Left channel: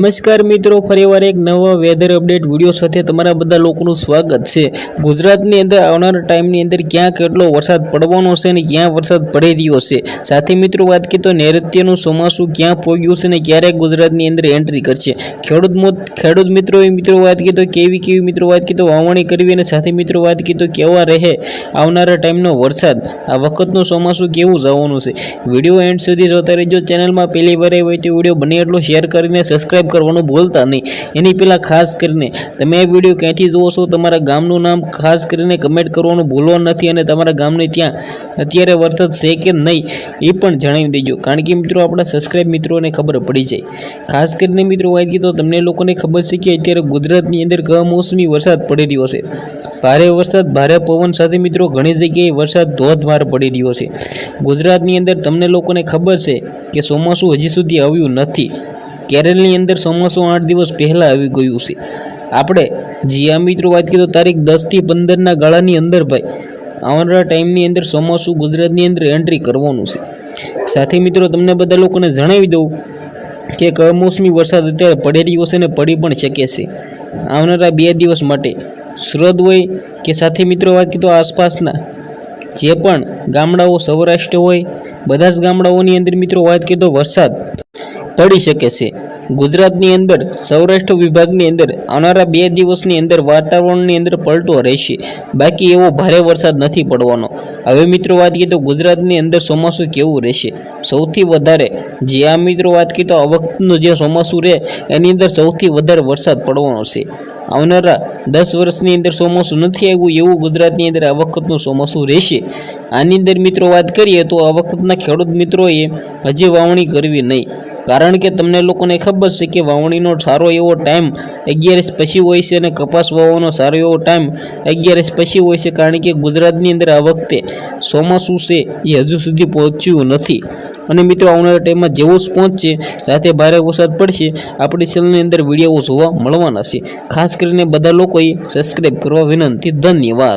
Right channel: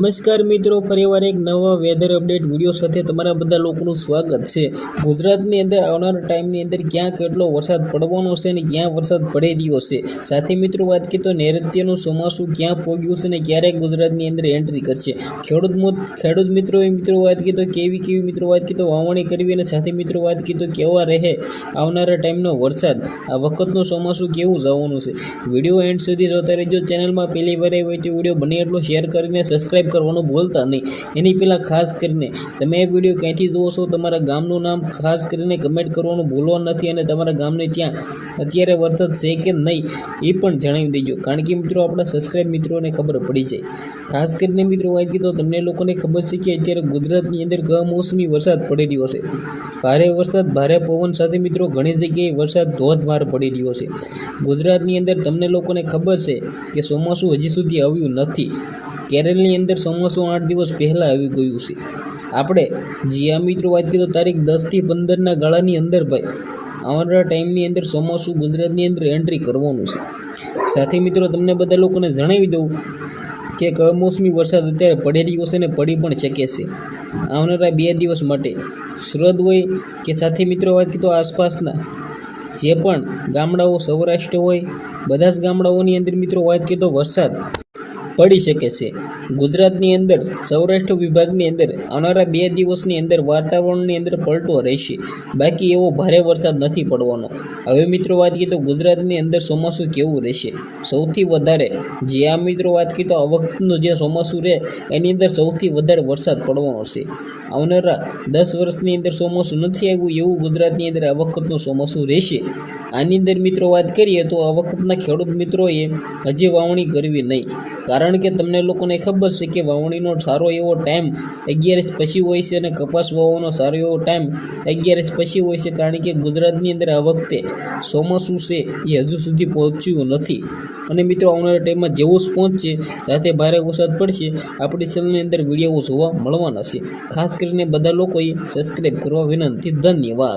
નમસ્કાર મિત્રો, ફરીવાર એક નવા વેધર અપડેટ વિડીયો સાથે તમારા બધા લોકોનું સ્વાગત છે। ગુજરાતની અંદર આવનારા ટાઈમની અંદર ક્યાં કેટલો વરસાદ પડવાનો છે અને ક્યાં વરસાદ પડી રહ્યો છે। સાથે મિત્રો વાત કરીએ તો નૈઋત્યનું ચોમાસું ક્યાં પહોંચ્યું છે અને ક્યારે ગુજરાતની અંદર એન્ટ્રી કરશે। ખેડૂત મિત્રો વાત કરીએ તો કેવી મિત્રો વાત કરીએ તો વાવણી કરવી અને સાથે મિત્રો વાત કરીએ તો કેવા રહે આવનારા ટાઈમનો વરસાદ, આ વખતનું ચોમાસું કેવું જવાનું છે। વિડીયો એન્ડ સુધી જોતા રહેજો। ચેનલમાં પહેલી વાર હોય તો વિડીયો બને એટલો શેર કરીને સબસ્ક્રાઇબ કરવાનું ભૂલતા નહીં। એની પહેલાં ખાસ કરીને તમે આ વિડીયો ક્યાંથી જુઓ છો, તમારા ગામનું નામ ખાસ કરીને કમેન્ટ કરવાનું ભૂલવા નથી અને તમારા ગામને ત્યાં અત્યારે વરસાદ છે કે નહીં એ પણ જણાવી દેજો, કારણ કે મિત્રો આપણા સબસ્ક્રાઇબ મિત્રોને ખબર પડી જાય। ખાસ કરીને મિત્રો વાત કરીએ તો તમને લોકોને ખબર છે કે અત્યારે ગુજરાતની અંદર કમોસમી વરસાદ પડી રહ્યો છે। ભારે વરસાદ, ભારે પવન સાથે મિત્રો ઘણી જગ્યાએ વરસાદ ધોધમાર પડી રહ્યો છે। ગુજરાતની અંદર તમને લોકોને ખબર છે કે ચોમાસું હજી સુધી આવ્યું નથી। કેરળની અંદર ચોમાસું 8 દિવસ પહેલાં આવી ગયું છે। આપણે આ મિત્રો વાત કરીએ તો તારીખ 10 થી 15ના ગાળાની અંદર ભાઈ આવનારા ટાઈમની અંદર ચોમાસું ગુજરાતની અંદર એન્ટ્રી કરવાનું છે। સાથે મિત્રો તમને બધા લોકોને જણાવી દઉં કે કમોસમી વરસાદ અત્યારે પડી રહ્યો છે અને પડી પણ શકે છે આવનારા 2 દિવસ માટે। સુરત હોય કે સાથે મિત્રો વાત કરીએ તો આસપાસના જે પણ ગામડાઓ સૌરાષ્ટ્ર હોય, બધા જ ગામડાઓની અંદર મિત્રો વાત કરીએ તો વરસાદ પડી શકે છે। ગુજરાતની અંદર સૌરાષ્ટ્ર વિભાગની અંદર આવનારા 2 દિવસની અંદર વાતાવરણની અંદર પલટો રહેશે, બાકી એવો ભારે વરસાદ નથી પડવાનો। હવે મિત્રો વાત કરીએ તો ગુજરાતની અંદર ચોમાસું કેવું રહેશે, સૌથી વધારે આ મિત્રો વાત કરીએ તો આ વખતનું જે ચોમાસું રહે એની અંદર સૌથી વધારે વરસાદ પડવાનો છે। આવનારા 10 વર્ષની અંદર ચોમાસું નથી આવ્યું એવું ગુજરાતની અંદર આ વખતનું ચોમાસું રહેશે। આની અંદર મિત્રો વાત કરીએ તો આ વખતના ખેડૂત મિત્રોએ હજી વાવણી કરવી નહીં, કારણ કે તમને લોકોને ખબર છે કે વાવણીનો સારો એવો ટાઈમ 11 પછી હોય છે અને કપાસ વાવવાનો સારો એવો ટાઈમ 11 પછી હોય છે, કારણ કે ગુજરાતની અંદર આ વખતે ચોમાસું છે એ હજુ સુધી પહોંચ્યું નથી। અને મિત્રો આવનારા ટાઈમમાં જેવું જ પહોંચશે સાથે ભારે વરસાદ પડશે આપણી ચેનલની અંદર વિડીયો જોવા મળવાના છે। ખાસ કરીને બધા લોકોએ સબસ્ક્રાઈબ કરવા વિનંતી। ધન્યવાદ।